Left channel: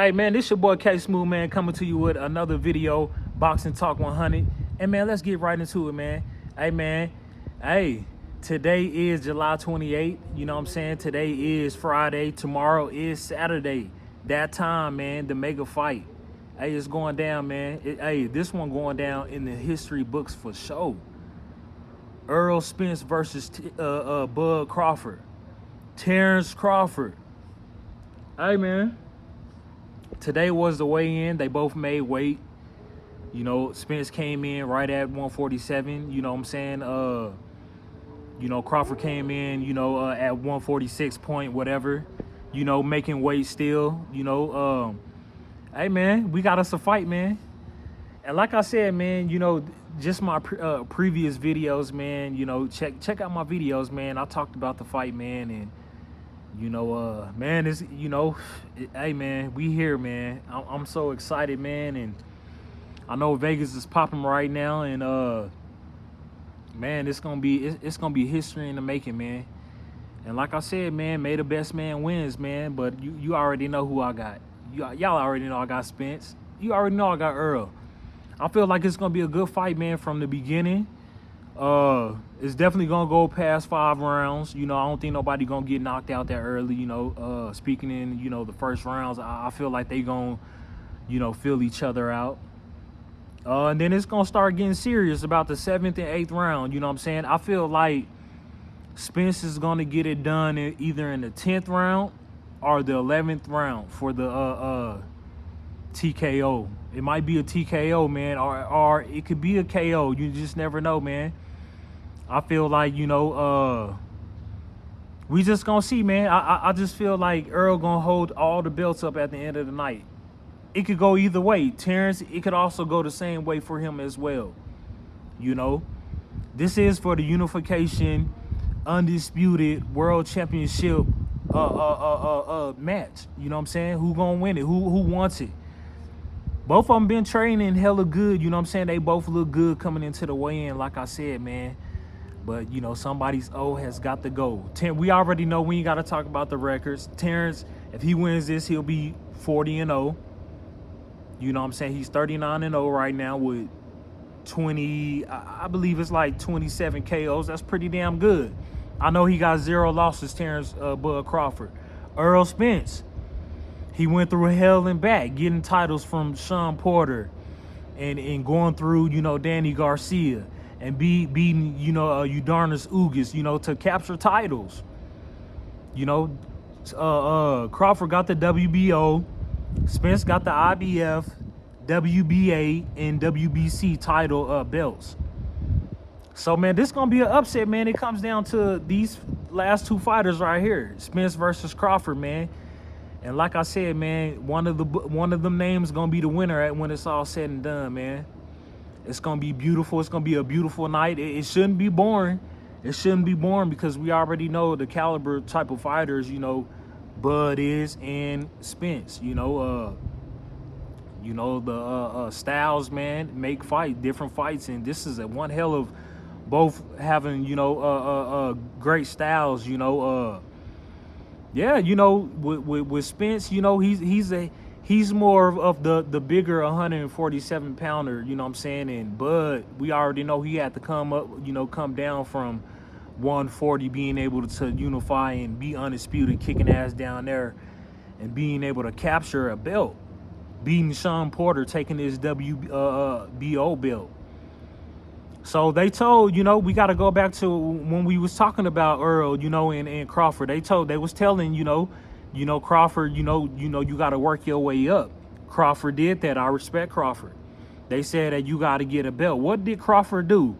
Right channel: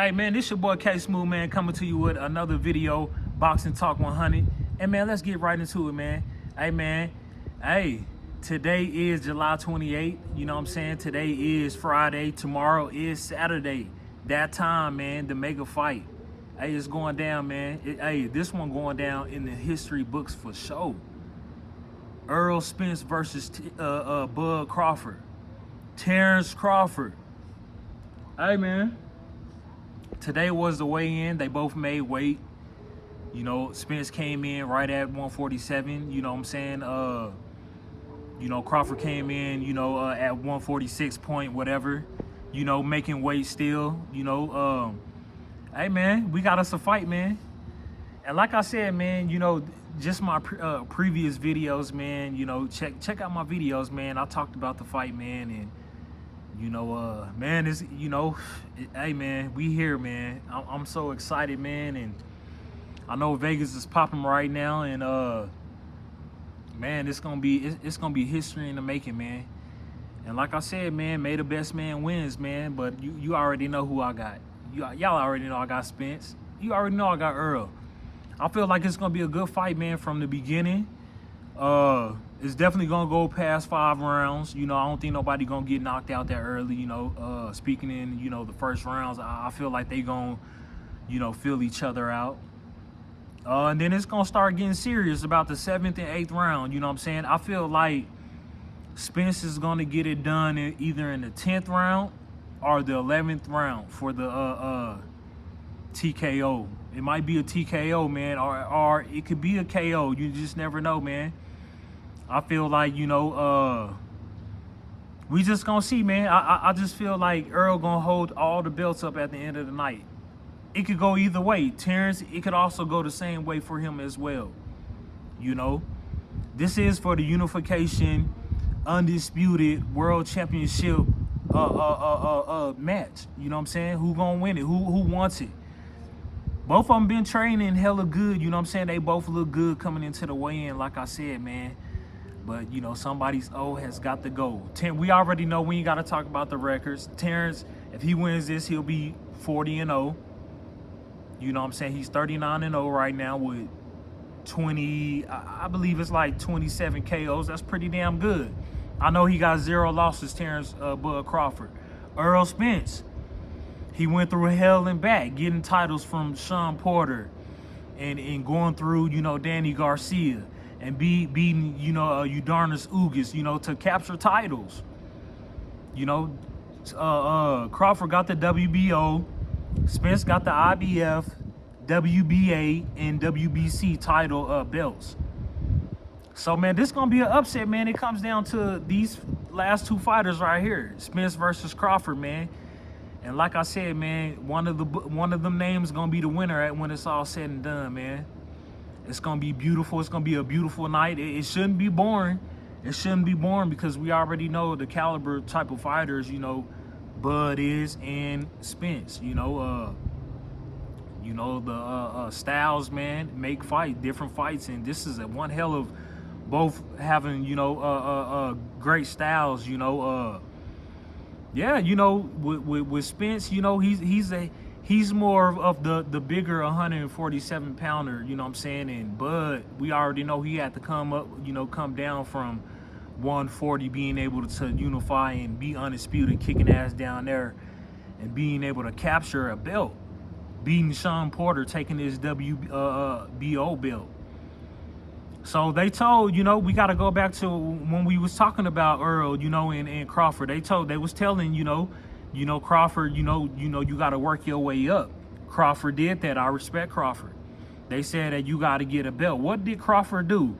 Hey man, this your boy K Smooth, man, coming to you with another video, Boxing Talk 100. And man, let's get right into it, man. Hey man, hey, today is July 28th. You know what I'm saying? Today is Friday. Tomorrow is Saturday. That time, man, the mega fight. Hey, it's going down, man. Hey, this one going down in the history books for sure. Errol Spence versus Bud Crawford. Terrence Crawford. Hey man, today was the weigh-in. They both made weight. You know, Spence came in right at 147. You know what I'm saying? You know, Crawford came in, you know, at 146 point whatever. You know, making weight still. You know, hey man, we got us a fight, man. And like I said, man, you know, just my previous videos, man. You know, check out my videos, man. I talked about the fight, man, and you know, man, it's, you know, hey man, we here, man. I'm so excited, man, and I know Vegas is popping right now, and man, it's gonna be history in the making, man. And like I said, man, may the best man wins, man. But you already know who I got. Y'all already know I got Spence. You already know I got Errol. I feel like it's gonna be a good fight, man, from the beginning. It's definitely gonna go past 5 rounds. You know, I don't think nobody gonna get knocked out that early. You know, speaking in, you know, the first rounds, I feel like they gonna, you know, feel each other out. And then it's gonna start getting serious about the 7th and 8th round. You know what I'm saying? I feel like Spence is gonna get it done either in the 10th round or the 11th round for the TKO. It might be a TKO, man, or it could be a KO. You just never know, man. I feel like, you know, we just gonna see, man. I just feel like Errol gonna hold all the belts up at the end of the night. It could go either way. Terrence, it could also go the same way for him as well. You know, this is for the unification, undisputed world championship match. You know what I'm saying? Who gonna win it? Who wants it? Both of them been training hella good. You know what I'm saying? They both look good coming into the weigh-in, like I said, man. But, you know, somebody's O has got to go. We already know we ain't got to talk about the records. Terrence, if he wins this, he'll be 40-0. You know what I'm saying? He's 39-0 right now with 20, I believe it's like 27 KOs. That's pretty damn good. I know he got 0 losses, Terrence Bud Crawford. Errol Spence, he went through hell and back, getting titles from Sean Porter and going through, you know, Danny Garcia and beating, you know, Udarnis Ugas, you know, to capture titles. You know, Crawford got the WBO, Spence got the IBF, WBA, and WBC title belts. So, man, this gonna be an upset, man. It comes down to these last 2 fighters right here, Spence versus Crawford, man. And like I said, man, one of them names gonna be the winner when it's all said and done, man. It's gonna be beautiful. It's gonna be a beautiful night. It shouldn't be boring. It shouldn't be boring because we already know the caliber type of fighters, you know, Bud is and Spence. You know, the styles, man, make different fights, and this is one hell of both having, you know, great styles. You know, yeah, you know, with Spence, you know, he's more of the bigger 147 pounder, you know what I'm saying? And Bud, we already know he had to come down from 140, being able to unify and be undisputed, kicking ass down there and being able to capture a belt, beating Sean Porter, taking his WBO belt. So they told, you know, we got to go back to when we was talking about Errol, you know, and Crawford. They was telling, you know, Crawford, you know, you got to work your way up. Crawford did that. I respect Crawford. They said that you got to get a belt. What did Crawford do?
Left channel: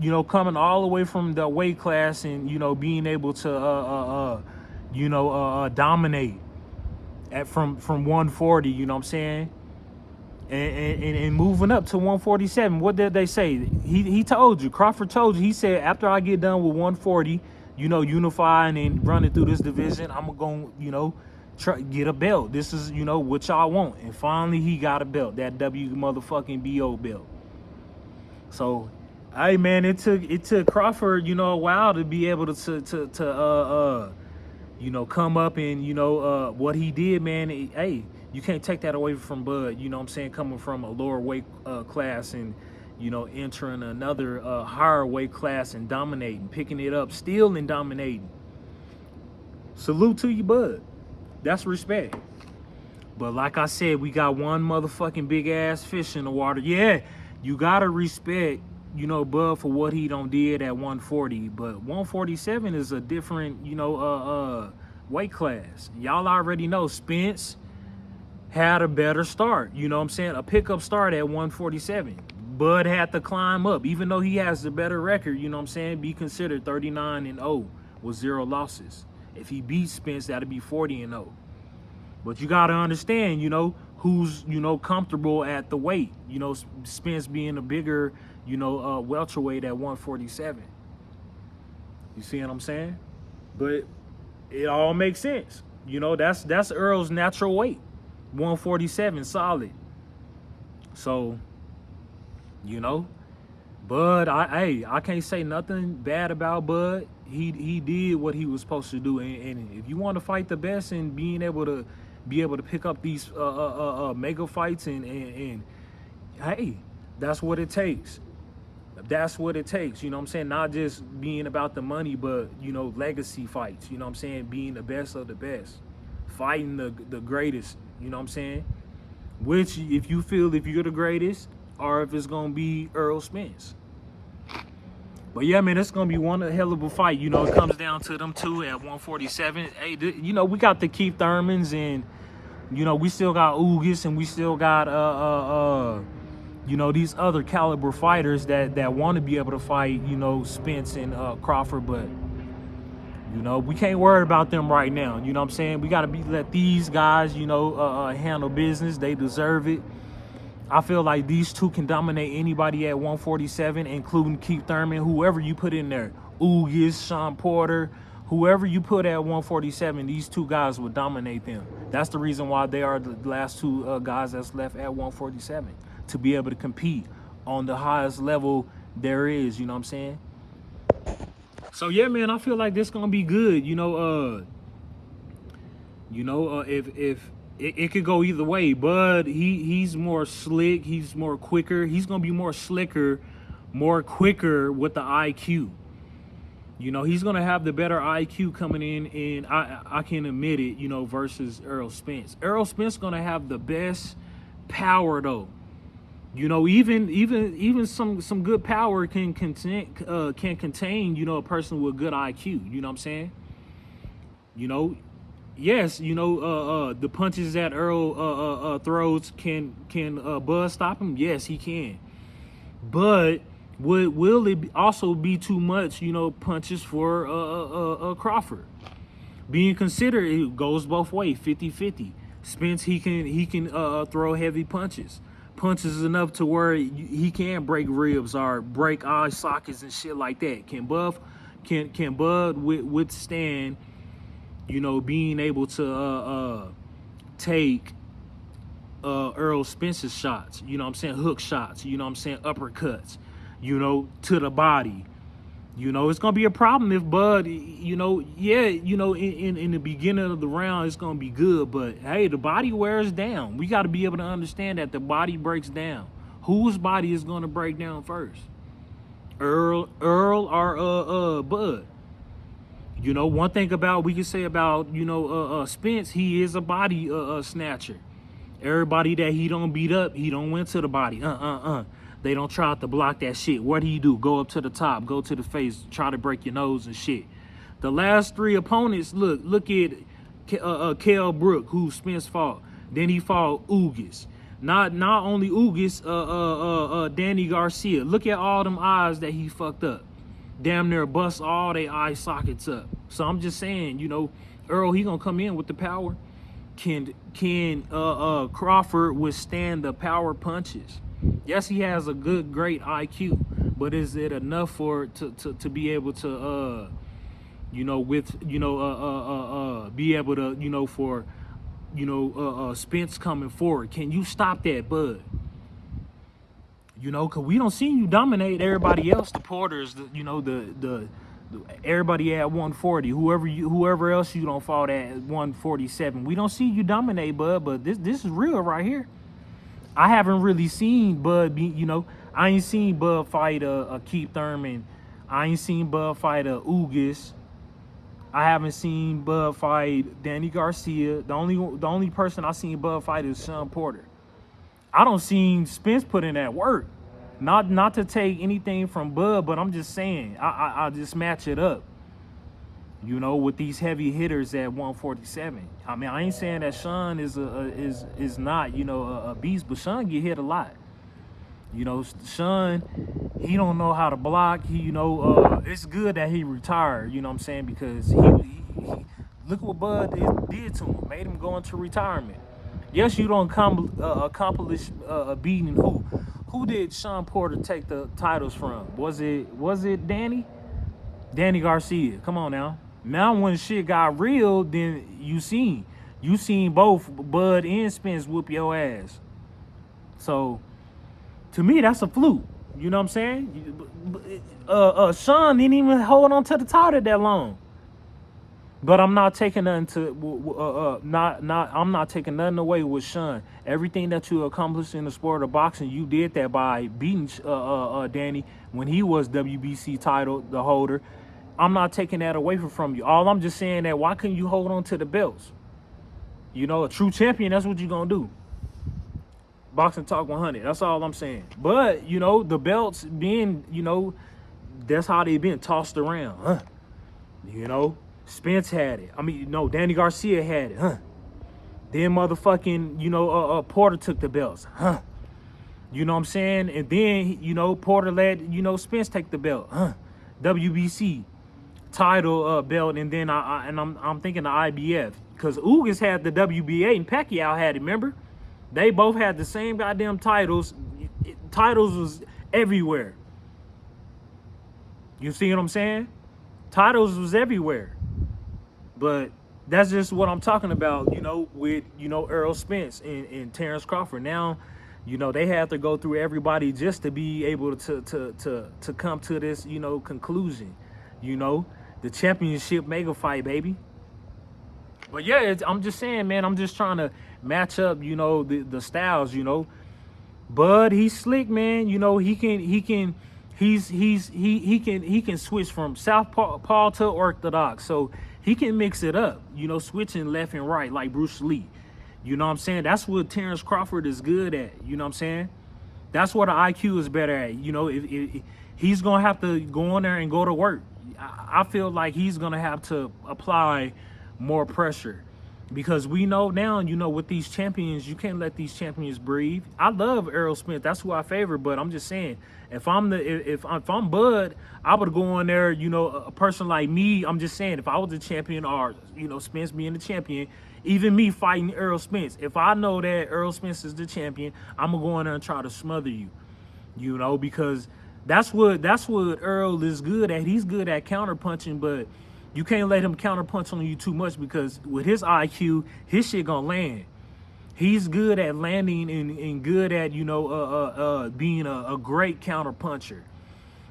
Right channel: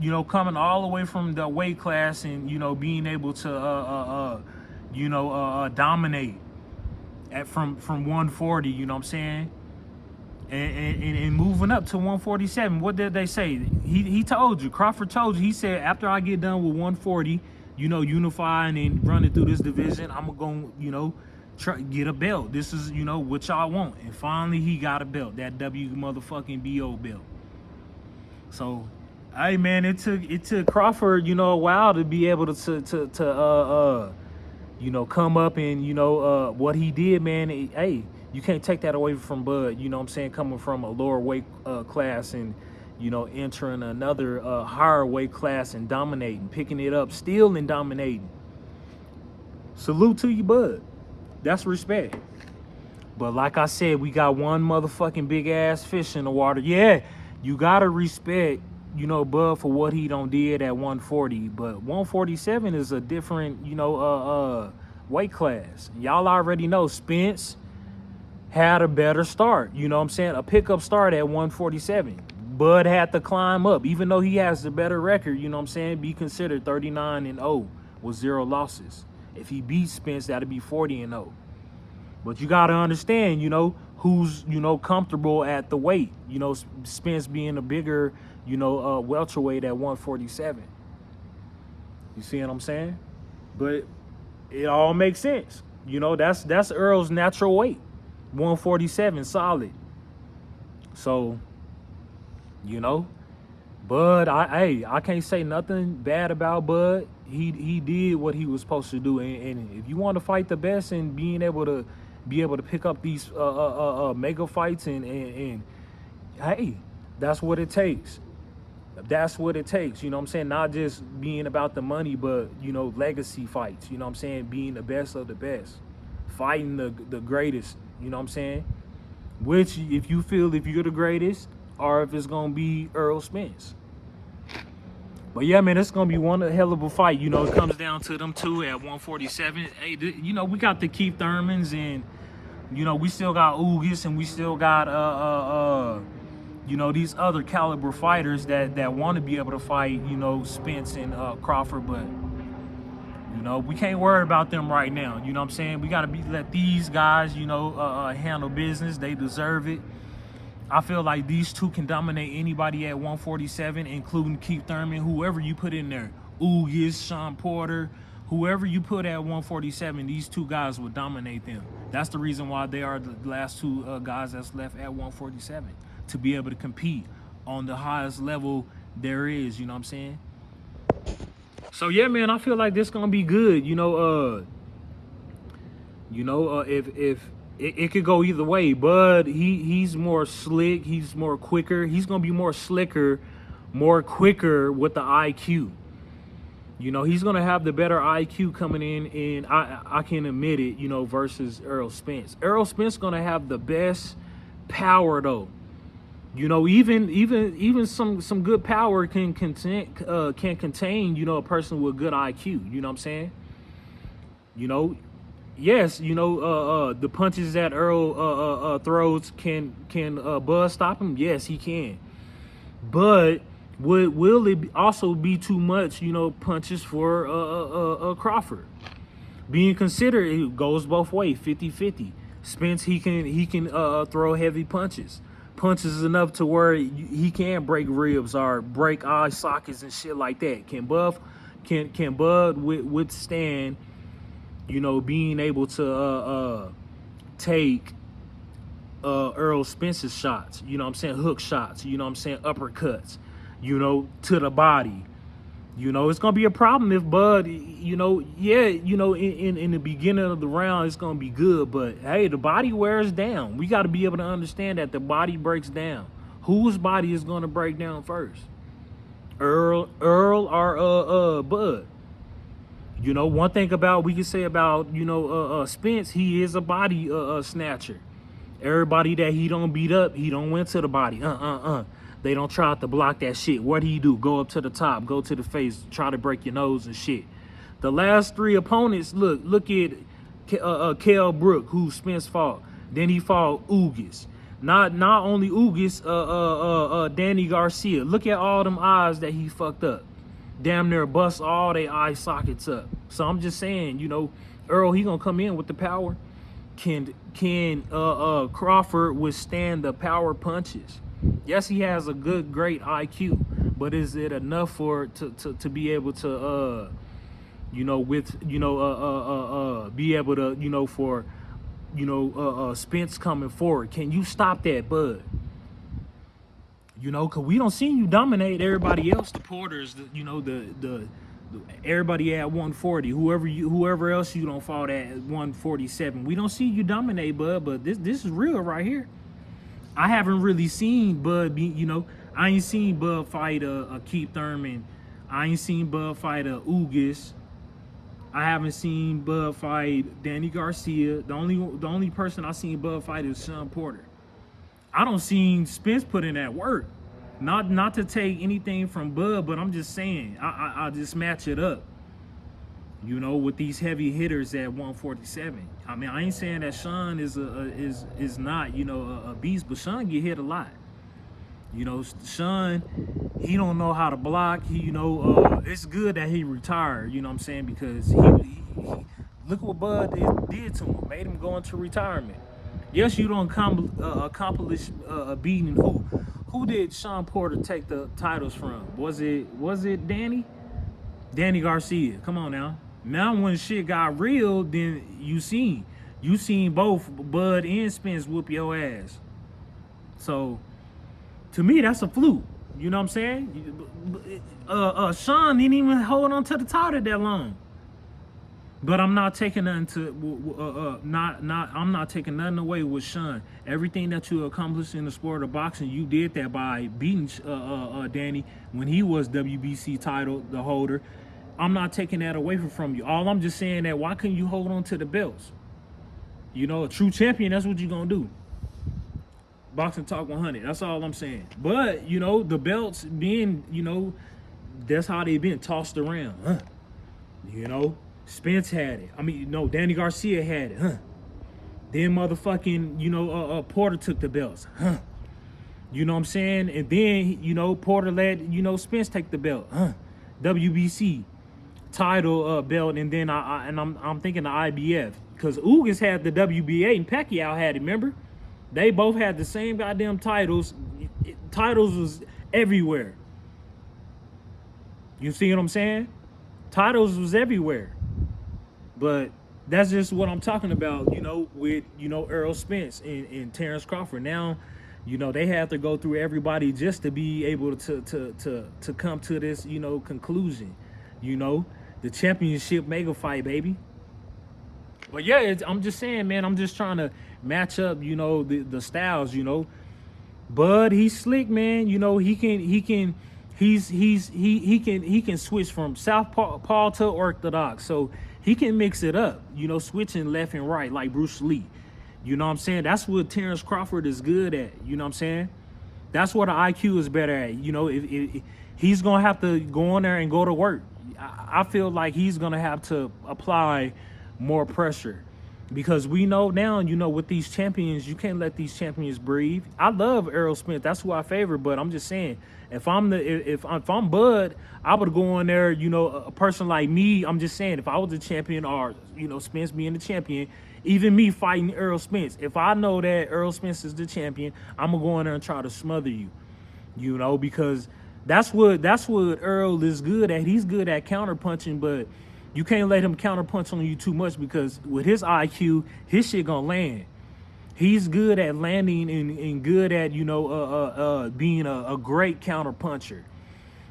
You know, coming all the way from the weight class and, you know, being able to, dominate from 140, you know what I'm saying? And moving up to 147. What did they say? He told you, Crawford told you, he said, after I get done with 140, you know, unifying and running through this division, I'm going to, you know, get a belt. This is, you know, what y'all want. And finally, he got a belt, that WBO belt. So, hey, man, it took Crawford, you know, a while to be able to you know, come up and, you know, what he did, man. Hey, You can't take that away from Bud, you know what I'm saying, coming from a lower weight class and, you know, entering another higher weight class and dominating, picking it up, still and dominating. Salute to you, Bud. That's respect. But like I said, we got one motherfucking big ass fish in the water. Yeah, you gotta respect, you know, Bud for what he done did at 140. But 147 is a different, you know, weight class. Y'all already know Spence had a better start. You know what I'm saying? A pickup start at 147. Bud had to climb up. Even though he has the better record, you know what I'm saying? Be considered 39-0 with 0 losses. If he beats Spence, that'd be 40-0. But you got to understand, you know, who's, you know, comfortable at the weight. You know, Spence being a bigger, you know, welterweight at 147. You see what I'm saying? But it all makes sense. You know, that's Errol's natural weight. 147 solid. So, you know, Bud, I can't say nothing bad about Bud. He did what he was supposed to do, and if you want to fight the best and being able to pick up these mega fights and hey, that's what it takes. That's what it takes. You know what I'm saying? Not just being about the money, but, you know, legacy fights. You know what I'm saying? Being the best of the best, fighting the greatest. You know what I'm saying? Which, if you feel if you're the greatest, or if it's gonna be Errol Spence. But yeah, man, it's gonna be one hell of a fight. You know, it comes down to them two at 147. Hey, you know, we got the Keith Thurmans, and you know, we still got Ugas, and we still got you know, these other caliber fighters that want to be able to fight, you know, Spence and Crawford, but you know, we can't worry about them right now. You know what I'm saying? We got to let these guys, you know, handle business. They deserve it. I feel like these two can dominate anybody at 147, including Keith Thurman, whoever you put in there. Ugas, Sean Porter, whoever you put at 147, these two guys would dominate them. That's the reason why they are the last two guys that's left at 147, to be able to compete on the highest level there is. You know what I'm saying? So yeah, man, I feel like this gonna be good. You know, if it could go either way, but he's more slick, he's more quicker, he's gonna be more slicker, more quicker with the IQ. You know, he's gonna have the better IQ coming in, and I can admit it. You know, versus Errol Spence. Errol Spence gonna have the best power though. You know, even some good power can contain, you know, a person with good IQ. You know what I'm saying? You know, yes, you know, the punches that Errol throws, can Bud stop him? Yes, he can. But will it also be too much, you know, punches for Crawford? Being considered, it goes both ways, 50-50. Spence, he can throw heavy punches. Punches enough to where he can break ribs or break eye sockets and shit like that. Can Bud withstand, you know, being able to take Errol Spence's shots? You know what I'm saying? Hook shots. You know what I'm saying? Uppercuts. You know, to the body. You know, it's gonna be a problem if Bud, you know, yeah, you know, in the beginning of the round, it's gonna be good, but hey, the body wears down. We got to be able to understand that the body breaks down. Whose body is gonna break down first? Errol or Bud? You know, one thing we can say about, you know, Spence, he is a body snatcher. Everybody that he don't beat up, he don't went to the body. They don't try to block that shit. What do? Go up to the top, go to the face, try to break your nose and shit. The last three opponents, look at Kell Brook, who Spence fought. Then he fought Ugas. Not only Ugas, Danny Garcia. Look at all them eyes that he fucked up. Damn near bust all their eye sockets up. So I'm just saying, you know, Errol, he gonna come in with the power. Can Crawford withstand the power punches? Yes, he has a great IQ, but is it enough to be able to you know, be able to, you know, for, you know, Spence coming forward? Can you stop that, Bud? You know, cause we don't see you dominate everybody else. The Porters, you know, the everybody at 140. Whoever else you don't fought at 147. We don't see you dominate, Bud, but this is real right here. I haven't really seen Bud be, I ain't seen Bud fight a Keith Thurman. I ain't seen Bud fight a Ugas. I haven't seen Bud fight Danny Garcia. The only person I seen Bud fight is Sean Porter. I don't seen Spence put in that work. Not to take anything from Bud, but I'm just saying I just match it up. With these heavy hitters at 147. I mean, I ain't saying that Sean is not a beast, but Sean get hit a lot. Sean, he don't know how to block. It's good that he retired. You know what I'm saying? Because he look what Bud did to him, made him go into retirement. Yes, you don't accomplish beating who? Who did Sean Porter take the titles from? Was it Danny? Danny Garcia. Come on now. Now when shit got real, then you seen both Bud and Spence whoop your ass. So to me, that's a fluke. You know what I'm saying? Sean didn't even hold on to the title that long. But I'm not taking nothing I'm not taking nothing away with Sean. Everything that you accomplished in the sport of boxing, you did that by beating Danny when he was WBC title the holder. I'm not taking that away from you. All I'm just saying that why couldn't you hold on to the belts? A true champion, that's what you're gonna do. Boxing Talk 100. That's all I'm saying. But the belts being, that's how they been tossed around, huh? Spence had it. I mean, no, Danny Garcia had it, huh? Then motherfucking, Porter took the belts, huh? You know what I'm saying? And then, Porter let, Spence take the belt, huh? WBC title belt, and then I'm thinking the IBF. Because Ugas had the WBA and Pacquiao had it, remember? They both had the same goddamn titles. Titles was everywhere. You see what I'm saying? Titles was everywhere. But that's just what I'm talking about, with, Errol Spence and Terrence Crawford. Now, they have to go through everybody just to be able to come to this, conclusion. The championship mega fight, baby. But yeah, I'm just saying, man, I'm just trying to match up, the styles, Bud, he's slick, man. He can switch from southpaw to orthodox. So he can mix it up, switching left and right like Bruce Lee. You know what I'm saying? That's what Terrence Crawford is good at. You know what I'm saying? That's what the IQ is better at. If he's going to have to go in there and go to work. I feel like he's going to have to apply more pressure. Because we know now, with these champions, you can't let these champions breathe. I love Errol Spence. That's who I favor. But I'm just saying, if I'm Bud, I would go in there, a person like me. I'm just saying, if I was the champion or, Spence being the champion, even me fighting Errol Spence, if I know that Errol Spence is the champion, I'm going to go in there and try to smother you, because that's what Errol is good at. He's good at counterpunching, but you can't let him counterpunch on you too much because with his IQ, his shit gonna land. He's good at landing and good at, being a great counterpuncher.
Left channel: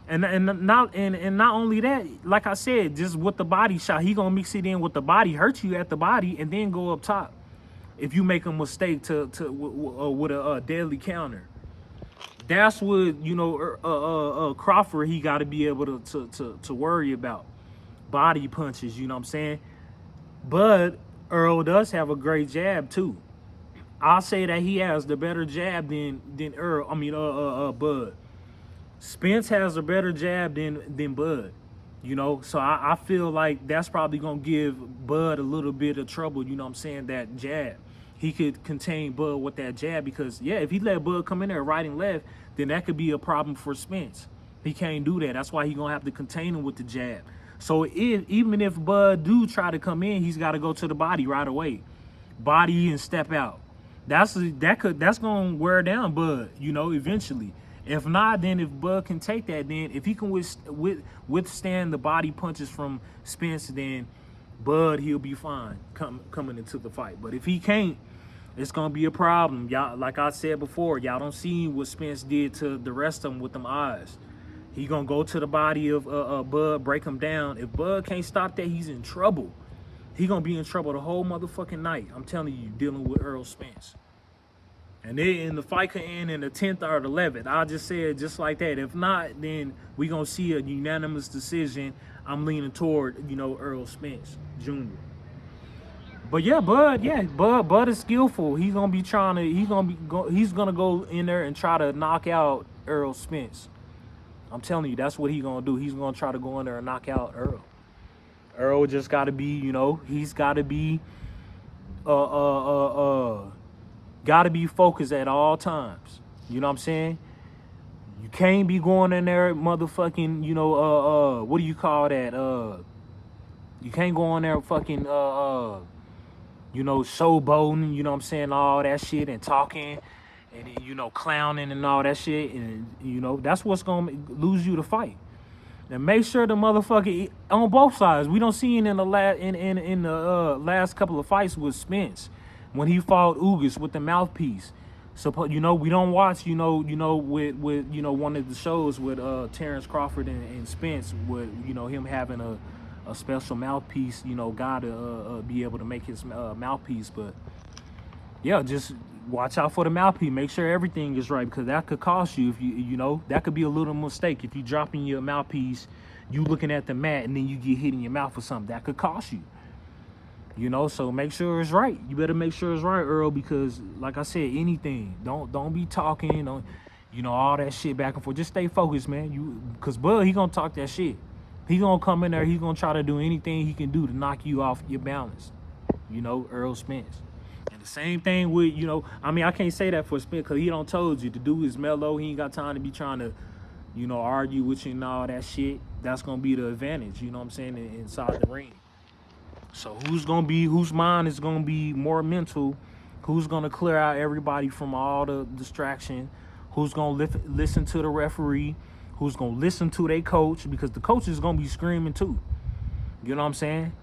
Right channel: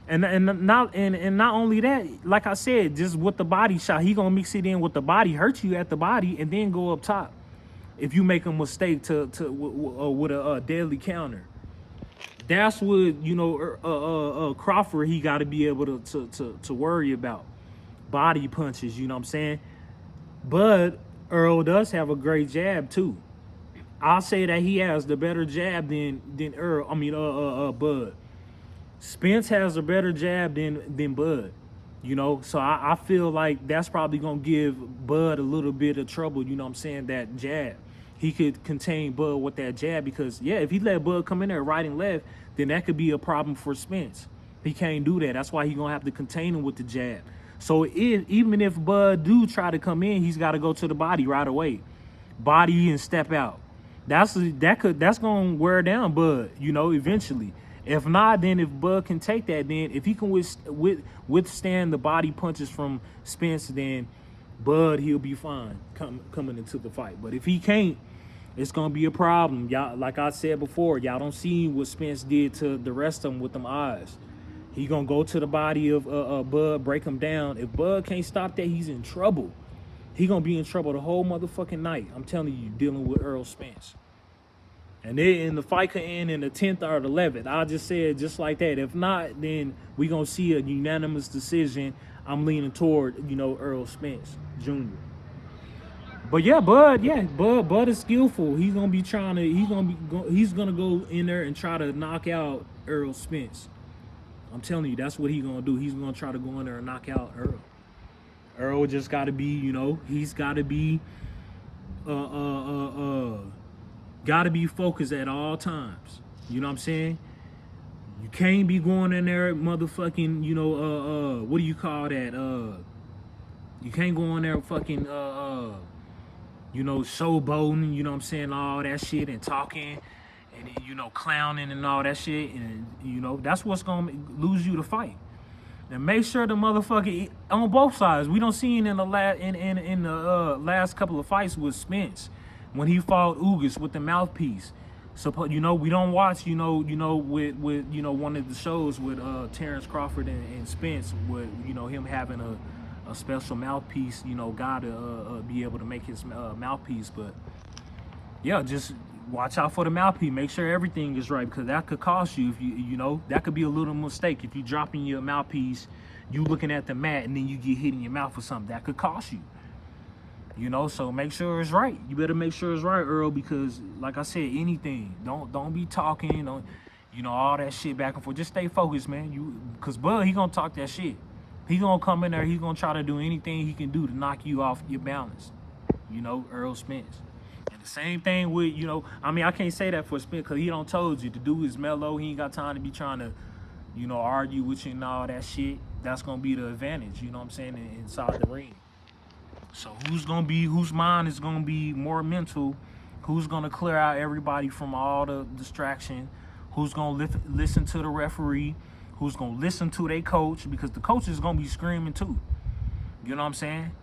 And not only that, like I said, just with the body shot, he gonna mix it in with the body, hurt you at the body, and then go up top. If you make a mistake with a deadly counter. That's what, Crawford, he got to be able to worry about. Body punches, you know what I'm saying? But Errol does have a great jab too. I'll say that he has the better jab than Bud. Spence has a better jab than Bud. So I feel like that's probably gonna give Bud a little bit of trouble, you know what I'm saying, that jab. He could contain Bud with that jab because, yeah, if he let Bud come in there right and left, then that could be a problem for Spence. He can't do that. That's why he's gonna have to contain him with the jab. So even if Bud do try to come in, he's got to go to the body right away. Body and step out. That's gonna wear down Bud, eventually. If not, then if Bud can take that, then if he can withstand the body punches from Spence, then Bud, he'll be fine coming into the fight. But if he can't, it's gonna be a problem. Y'all, like I said before, y'all don't see what Spence did to the rest of them with them eyes. He gonna go to the body of Bud, break him down. If Bud can't stop that, he's in trouble. He gonna be in trouble the whole motherfucking night. I'm telling you, dealing with Errol Spence. And then the fight could end in the 10th or the 11th. I just said just like that. If not, then we gonna see a unanimous decision. I'm leaning toward, you know, Errol Spence Jr. But yeah, Bud is skillful. He's gonna be trying to. He's gonna go in there and try to knock out Errol Spence. I'm telling you, that's what he's gonna do. He's gonna try to go in there and knock out Errol. Errol just gotta be, you know, he's gotta be, gotta be focused at all times. You know what I'm saying? You can't be going in there, motherfucking, you know, what do you call that? You can't go in there fucking, you know, showboating, you know what I'm saying, all that shit, and talking, and then, you know, clowning and all that shit, and, you know, that's what's gonna lose you the fight. And make sure the motherfucker on both sides. We don't see it in the last couple of fights with Spence when he fought Ugas with the mouthpiece. So, you know, we don't watch, you know, with you know, one of the shows with Terrence Crawford and Spence, with, you know, him having a special mouthpiece, you know, guy to be able to make his mouthpiece. But yeah, just watch out for the mouthpiece. Make sure everything is right, because that could cost you. If you know, that could be a little mistake. If you dropping your mouthpiece, you looking at the mat, and then you get hit in your mouth or something, that could cost you. You know, so make sure it's right. You better make sure it's right, Earl, because like I said, anything. Don't be talking, you know, all that shit back and forth. Just stay focused, man. Because Bud, he gonna talk that shit. He gonna come in there. He gonna try to do anything he can do to knock you off your balance. You know, Errol Spence. And the same thing with, you know, I mean, I can't say that for Spence because he don't told you. The dude is mellow. He ain't got time to be trying to, you know, argue with you and all that shit. That's gonna be the advantage. You know what I'm saying? Inside the ring. So whose mind is gonna be more mental? Who's gonna clear out everybody from all the distraction? Who's gonna listen to the referee? Who's gonna listen to their coach? Because the coach is gonna be screaming too. You know what I'm saying?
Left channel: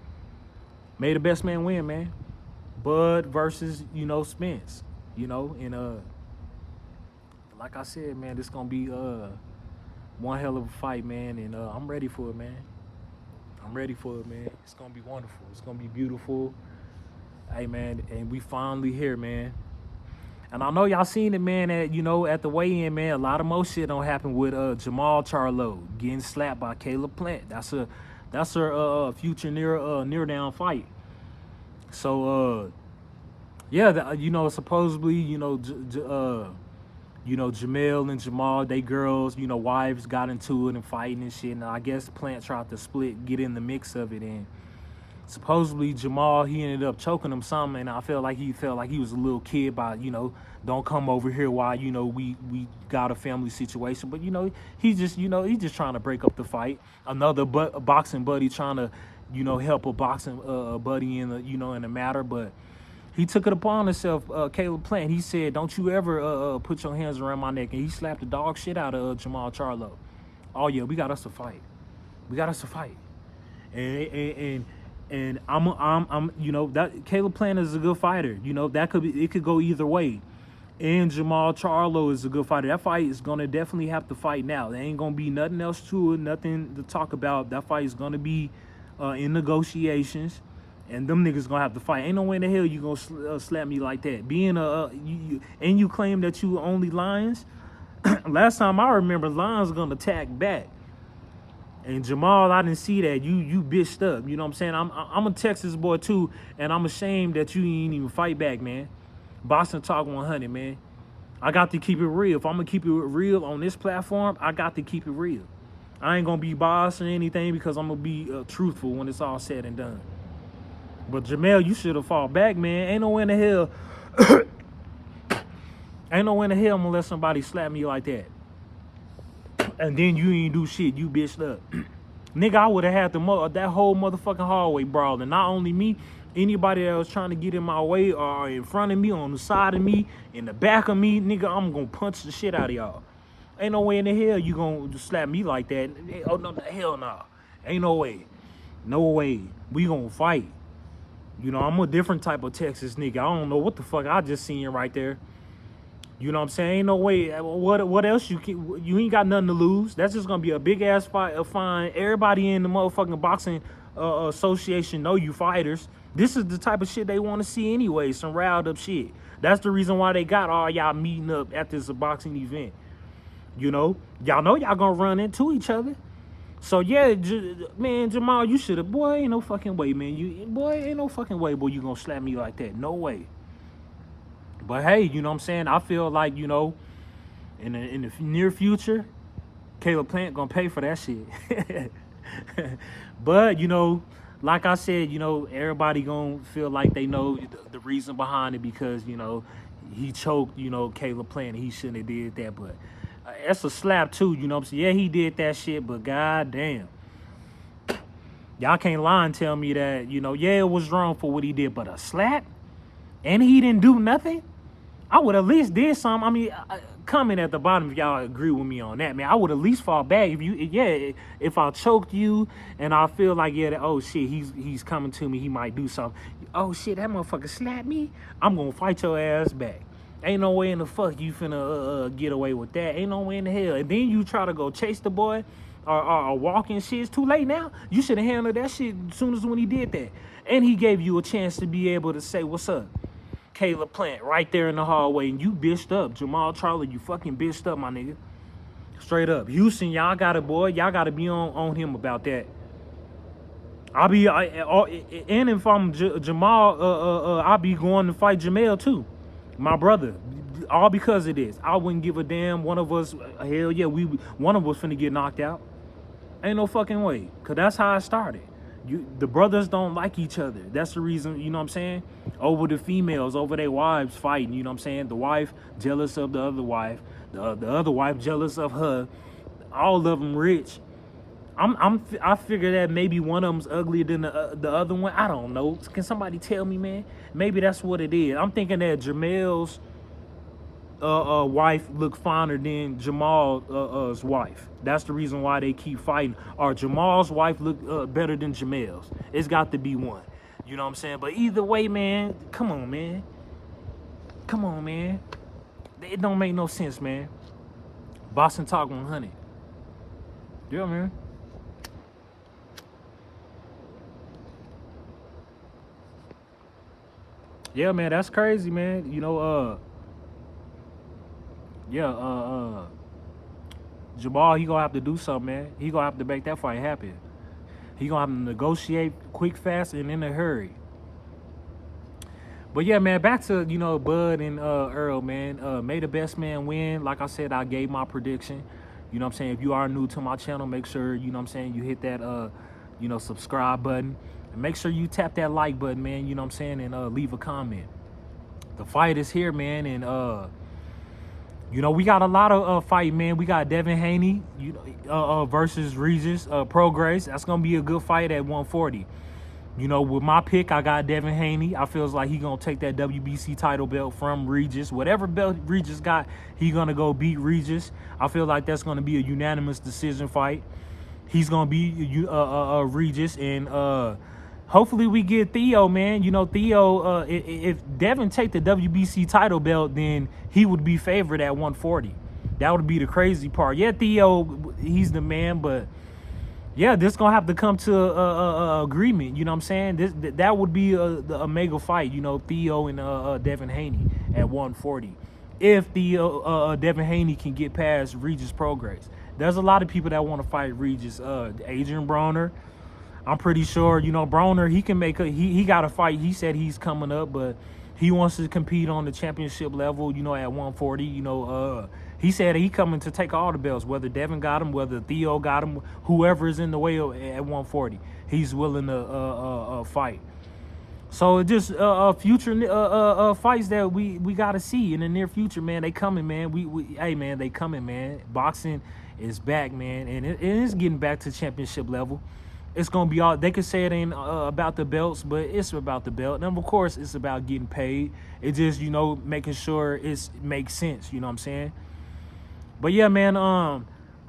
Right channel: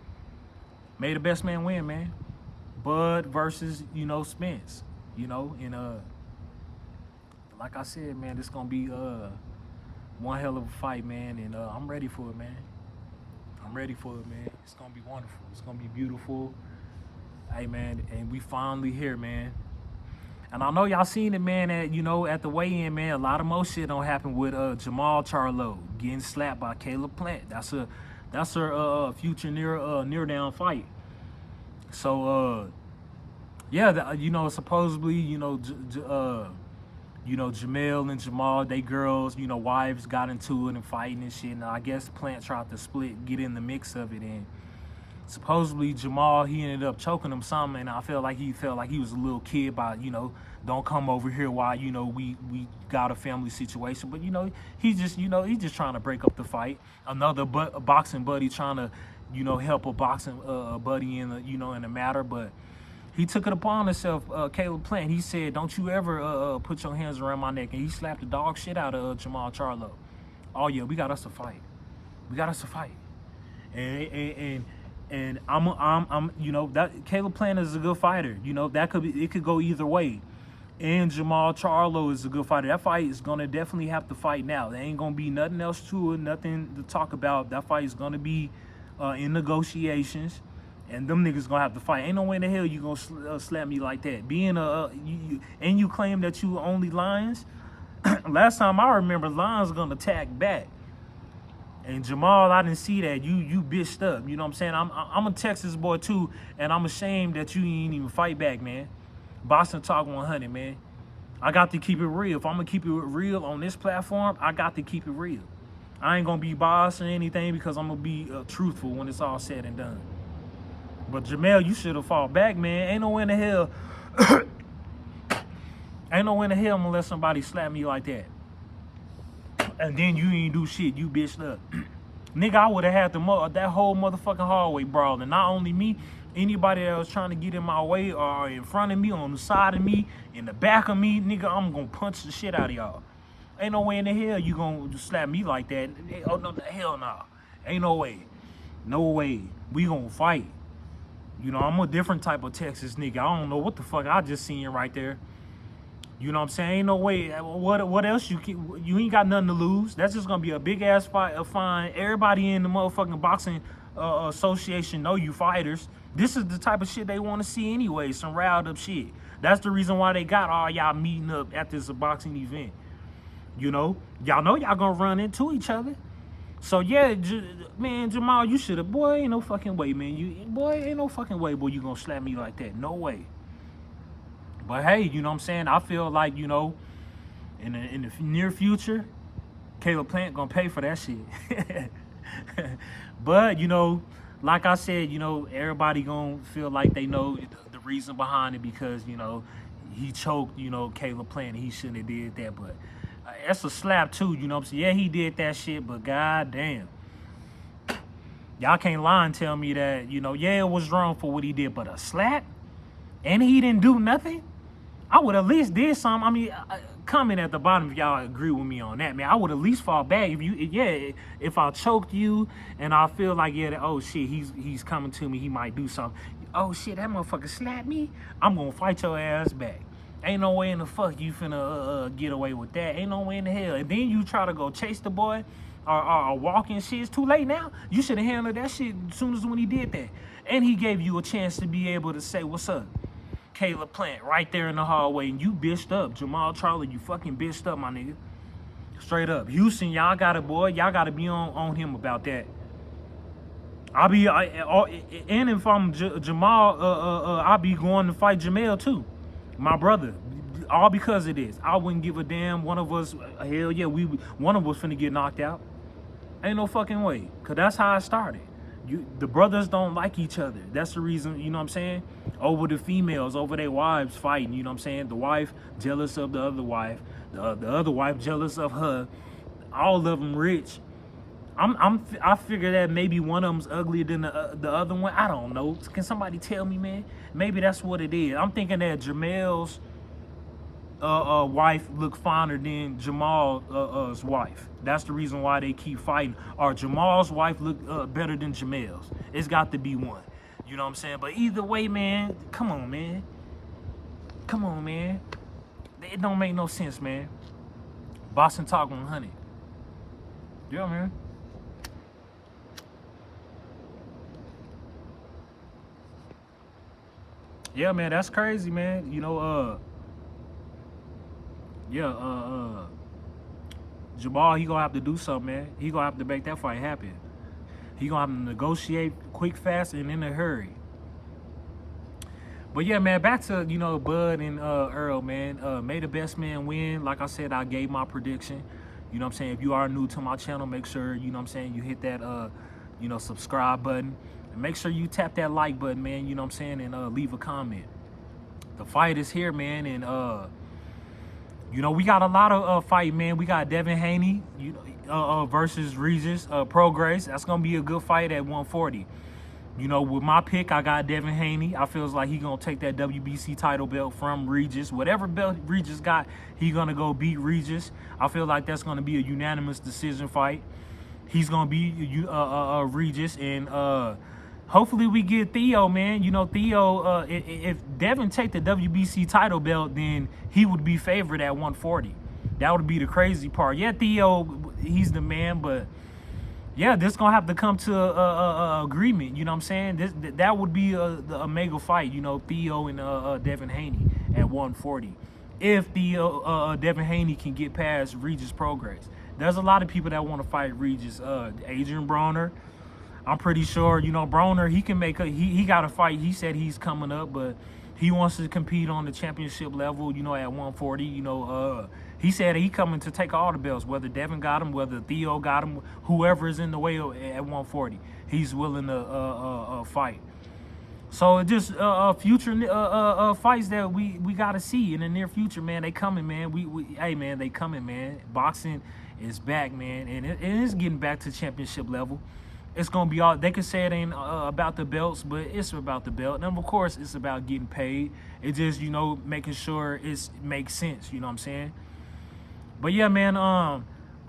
May the best man win, man. Bud versus, you know, Spence. You know, and like I said, man, this gonna be one hell of a fight, man, and I'm ready for it, man. I'm ready for it, man. It's gonna be wonderful. It's gonna be beautiful. Hey, man, and we finally here, man. And I know y'all seen it, man, at, you know, at the weigh-in, man. A lot of more shit don't happen with Jamal Charlo getting slapped by Caleb Plant. That's her future near down fight. So yeah, you know, supposedly, you know, Jamel and Jamal, they girls, you know, wives got into it and fighting and shit. And I guess Plant tried to get in the mix of it. And supposedly Jamal, he ended up choking him something. And I felt like he was a little kid by, you know, don't come over here while, you know, we got a family situation. But, you know, he's just trying to break up the fight. Another boxing buddy trying to, you know, help a boxing buddy in the matter. But he took it upon himself, Caleb Plant. He said, don't you ever put your hands around my neck. And he slapped the dog shit out of Jamal Charlo. Oh, yeah, we got us to fight. We got us to fight. And I'm you know, that Caleb Plant is a good fighter. You know, it could go either way. And Jamal Charlo is a good fighter. That fight is going to definitely have to fight now. There ain't going to be nothing else to it, nothing to talk about. That fight is going to be in negotiations. And them niggas gonna have to fight. Ain't no way in the hell you gonna slap me like that. Being and you claim that you only Lions. Last time I remember, Lions gonna attack back. And Jamal, I didn't see that. You bitched up. You know what I'm saying? I'm a Texas boy too, and I'm ashamed that you ain't even fight back, man. BoxingTalk 100, man. I got to keep it real. If I'm gonna keep it real on this platform, I got to keep it real. I ain't gonna be boss or anything because I'm gonna be truthful when it's all said and done. But Jamel, you should have fought back, man. Ain't no way in the hell. Ain't no way in the hell I'm gonna let somebody slap me like that. And then you ain't do shit. You bitched up. Nigga, I would have had that whole motherfucking hallway brawl. And not only me, anybody that was trying to get in my way or in front of me, on the side of me, in the back of me, nigga, I'm gonna punch the shit out of y'all. Ain't no way in the hell you gonna slap me like that. Oh, no, hell no. Ain't no way. No way. We gonna fight. You know, I'm a different type of Texas nigga. I don't know what the fuck I just seen right there. You know what I'm saying? Ain't no way. What else you ain't got nothing to lose. That's just gonna be a big ass fight, a fine. Everybody in the motherfucking boxing association know you fighters. This is the type of shit they want to see anyway. Some riled up shit. That's the reason why they got all y'all meeting up at this boxing event. You know y'all gonna run into each other. So yeah, man, Jamal, you should have. Boy, ain't no fucking way, man. Ain't no fucking way, boy. You gonna slap me like that? No way. But hey, you know what I'm saying? I feel like, you know, in the near future, Caleb Plant gonna pay for that shit. But, you know, like I said, you know, everybody gonna feel like they know the reason behind it because, you know, he choked, you know, Caleb Plant. He shouldn't have did that, but that's a slap too, you know what I'm saying? Yeah, he did that shit, but goddamn. Y'all can't lie and tell me that, you know, yeah, it was wrong for what he did, but a slap? And he didn't do nothing? I would at least did something. I mean, comment at the bottom if y'all agree with me on that, man. I would at least fall back if I choked you and I feel like, yeah, oh shit, he's coming to me, he might do something. Oh shit, that motherfucker slapped me. I'm gonna fight your ass back. Ain't no way in the fuck you finna get away with that. Ain't no way in the hell. And then you try to go chase the boy or walk and shit. It's too late now. You should have handled that shit as soon as when he did that. And he gave you a chance to be able to say, what's up? Caleb Plant, right there in the hallway, and you bitched up. Jamal Charlie, you fucking bitched up, my nigga. Straight up. Houston, y'all gotta be on him about that. And if I'm Jamal, I'll be going to fight Jamel too. My brother. All because of this. I wouldn't give a damn. One of us, hell yeah, one of us finna get knocked out. Ain't no fucking way. Cause that's how it started. The brothers don't like each other. That's the reason, you know what I'm saying? Over the females, over their wives fighting, you know what I'm saying? The wife jealous of the other wife, the other wife jealous of her. All of them rich. I figure that maybe one of them's uglier than the other one. I don't know. Can somebody tell me, man? Maybe that's what it is. I'm thinking that Jamel's wife look finer than Jamal's wife. That's the reason why they keep fighting. Or Jamal's wife look better than Jamel's. It's got to be one. You know what I'm saying? But either way, man, come on, man. Come on, man. It don't make no sense, man. BoxingTalk 100. Yeah, man. Yeah, man, that's crazy, man. You know, Jamal, he gonna have to do something, man. He gonna have to make that fight happen. He gonna have to negotiate quick, fast, and in a hurry. But yeah, man, back to, you know, Bud and Errol, man. May the best man win. Like I said, I gave my prediction. You know what I'm saying? If you are new to my channel, make sure, you know what I'm saying, you hit that, you know, subscribe button. And make sure you tap that like button, man, you know what I'm saying, and leave a comment. The fight is here, man, and, you know, we got a lot of fight, man. We got Devin Haney versus Regis Prograis. That's going to be a good fight at 140. You know, with my pick, I got Devin Haney. I feels like he's going to take that WBC title belt from Regis. Whatever belt Regis got, he's going to go beat Regis. I feel like that's going to be a unanimous decision fight. He's going to beat Regis, and hopefully we get Theo, man. You know, Theo, if Devin take the WBC title belt, then he would be favored at 140. That would be the crazy part. Yeah, Theo, he's the man, but yeah, this gonna have to come to a agreement. You know what I'm saying? That would be a mega fight. You know, Theo and Devin Haney at 140. If Theo Devin Haney can get past Regis Prograis, there's a lot of people that want to fight Regis. Adrian Broner, I'm pretty sure. You know, Broner, he can make he got a fight. He said he's coming up, but he wants to compete on the championship level. You know, at 140. You know, he said he coming to take all the belts, whether Devin got him, whether Theo got him, whoever is in the way at 140, he's willing to fight. So just future fights that we got to see in the near future, man. They coming, man. Hey, man, they coming, man. Boxing is back, man, and it is getting back to championship level. It's gonna be all. They could say it ain't about the belts, but it's about the belt. And of course, it's about getting paid. It's just, you know, making sure it makes sense. You know what I'm saying? But yeah, man, I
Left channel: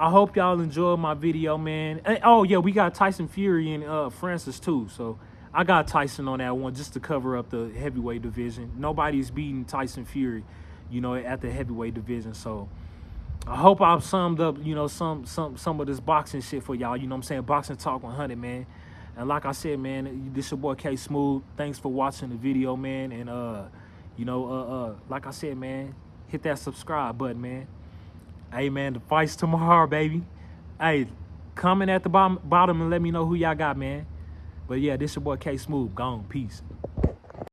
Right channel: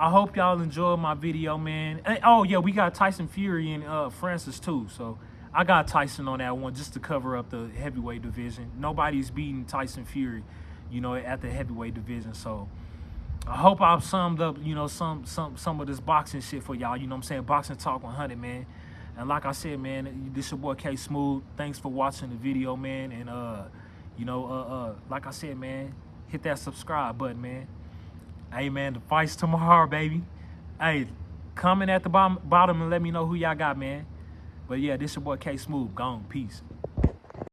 hope y'all enjoyed my video, man. And, oh yeah, we got Tyson Fury and Francis too. So I got Tyson on that one just to cover up the heavyweight division. Nobody's beating Tyson Fury. you know, at the heavyweight division. So I hope I've summed up, you know, some of this boxing shit for y'all. You know what I'm saying? Boxing Talk 100, man. And like I said, man, this your boy K Smooth. Thanks for watching the video, man. And you know, like I said, man, hit that subscribe button, man. Hey, man, the fight's tomorrow, baby. Hey, comment at the bottom and let me know who y'all got, man. But yeah, this your boy K Smooth. Gone. Peace.